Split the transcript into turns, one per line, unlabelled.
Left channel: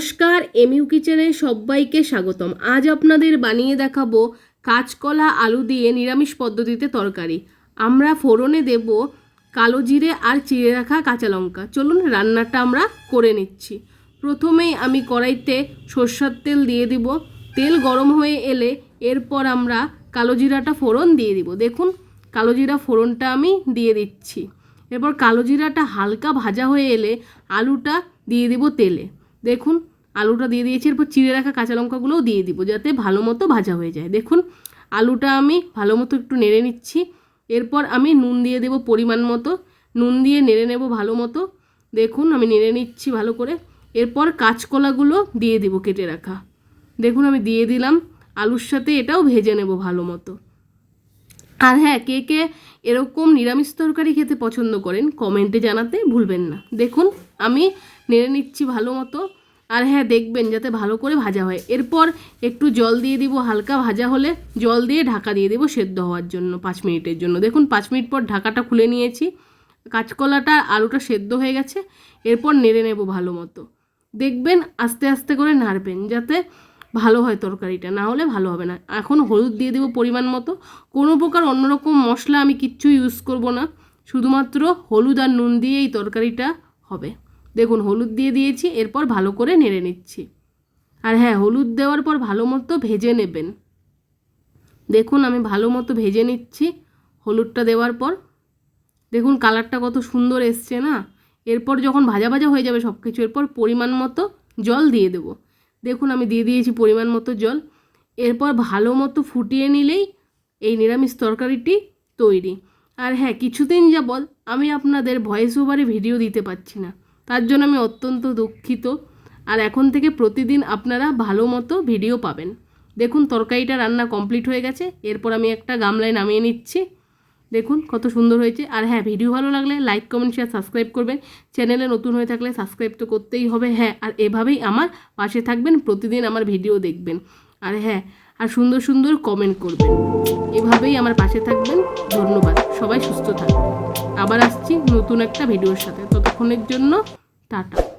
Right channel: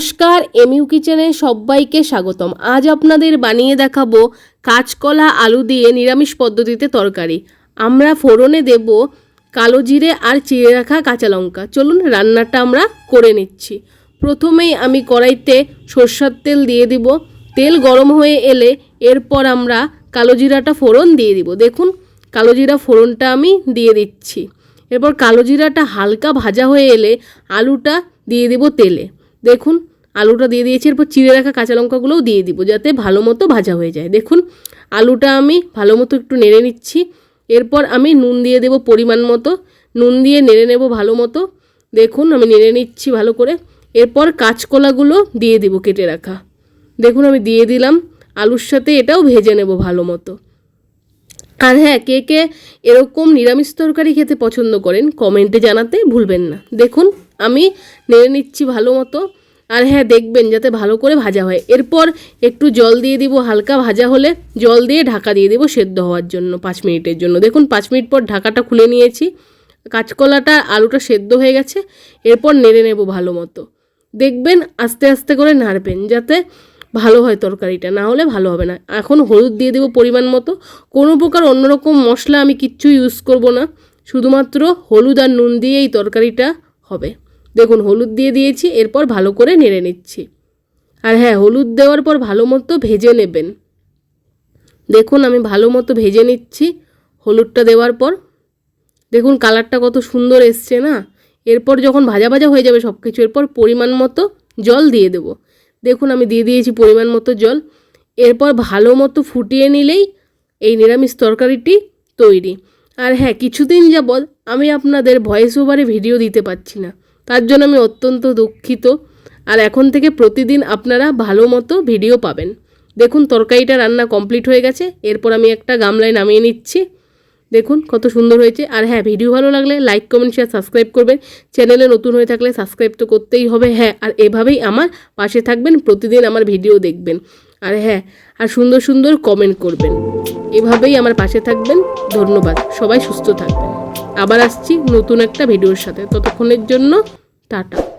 নমস্কার, এমইউ কিচেনে সবাইকে স্বাগতম। আজ আপনাদের বানিয়ে দেখাবো কাঁচকলা আলু দিয়ে নিরামিষ পদ্ধতিতে তরকারি। আমরা ফোড়নে দেব কালো জিরে আর চিড়ে রাখা কাঁচা লঙ্কা। চলুন রান্নাটা আমরা করে নিচ্ছি। প্রথমেই আমি কড়াইতে সর্ষার তেল দিয়ে দিব। তেল গরম হয়ে এলে এরপর আমরা কালো জিরাটা ফোড়ন দিয়ে দিব। দেখুন, কালো জিরা ফোড়নটা আমি দিয়ে দিচ্ছি। এরপর কালো জিরাটা হালকা ভাজা হয়ে এলে আলুটা দিয়ে দেব তেলে। দেখুন আলুটা দিয়ে দিয়েছি, এরপর চিড়ে রাখা কাঁচা লঙ্কাগুলোও দিয়ে দিব যাতে ভালো মতো ভাজা হয়ে যায়। দেখুন, আলুটা আমি ভালো মতো একটু নেড়ে নিচ্ছি। এরপর আমি নুন দিয়ে দেব পরিমাণ মতো। নুন দিয়ে নেড়ে নেব ভালো মতো। দেখুন, আমি নেড়ে নিচ্ছি ভালো করে। এরপর কাঁচকলাগুলো দিয়ে দিব কেটে রাখা। দেখুন, আমি দিয়ে দিলাম। আলুর সাথে এটাও ভেজে নেব ভালো মতো। আর হ্যাঁ কে কে এরকম নিরামিষ তরকারি খেতে পছন্দ করেন, কমেন্টে জানাতে ভুলবেন না। দেখুন, আমি নেড়ে নিচ্ছি ভালো মতো। আর হ্যাঁ দেখবেন যাতে ভালো করে ভাজা হয়। এরপর একটু জল দিয়ে দিব, হালকা ভাজা হলে জল দিয়ে ঢাকা দিয়ে দেবো সেদ্ধ হওয়ার জন্য, পাঁচ মিনিটের জন্য। দেখুন, পাঁচ মিনিট পর ঢাকাটা খুলে নিয়েছি। কাঁচকলাটা, আলুটা সেদ্ধ হয়ে গেছে, এরপর নেড়ে নেব ভালো মতো। দেখবেন আস্তে আস্তে করে নাড়বেন, যাতে ভালো হয় তরকারিটা, না হলে ভালো হবে না। এখন হলুদ দিয়ে দেবো পরিমাণ মতো। কোনো প্রকার অন্যরকম মশলা আমি কিচ্ছু ইউজ করব না। শুধুমাত্র হলুদ আর নুন দিয়ে এই তরকারিটা হবে। দেখুন, হলুদ দিয়ে দিয়েছি, এরপর ভালো করে নেড়ে নিচ্ছি। আর হ্যাঁ হলুদ দেওয়ার পর ভালো মতো ভেজে নেবেন। দেখুন, আমি ভালো মতো ভেজে নিচ্ছি হলুদটা দেওয়ার পর। দেখুন, কালারটা কত সুন্দর এসছে না? এরপর যখন ভাজা ভাজা হয়ে যাবে সব কিছু এরপর পরিমাণ মতো জল দিয়ে দেবো। দেখুন, আমি দিয়ে দিয়েছি পরিমাণ মতো জল। এরপর ভালো মতো ফুটিয়ে নিলেই এই নিরামিষ তরকারিটি তৈরি। আর হ্যাঁ কিছুদিন যাবৎ আমি আপনাদের ভয়েস ওভারে ভিডিও দিতে পারছি না। তার জন্য আমি অত্যন্ত দুঃখিত। আর এখন থেকে প্রতিদিন আপনারা ভালো মতো ভিডিও পাবেন। দেখুন, তরকারিটা রান্না কমপ্লিট হয়ে গেছে। এরপর আমি একটা গামলায় নামিয়ে নিচ্ছি। দেখুন, কত সুন্দর হয়েছে। আর হ্যাঁ ভিডিও ভালো লাগলে লাইক, কমেন্ট শেয়ার সাবস্ক্রাইব করবেন। চ্যানেলে নতুন হয়ে থাকলে সাবস্ক্রাইব তো করতেই হবে। হ্যাঁ আর এভাবেই আমার পাশে থাকবেন, প্রতিদিন আমার ভিডিও দেখবেন। আর হ্যাঁ আর সুন্দর সুন্দর কমেন্ট করবেন। এভাবেই আমার পাশে থাকবেন। ধন্যবাদ। সবাই সুস্থ থাকবেন। আবার আসছি নতুন একটা ভিডিওর সাথে। ততক্ষণের জন্য টাটা।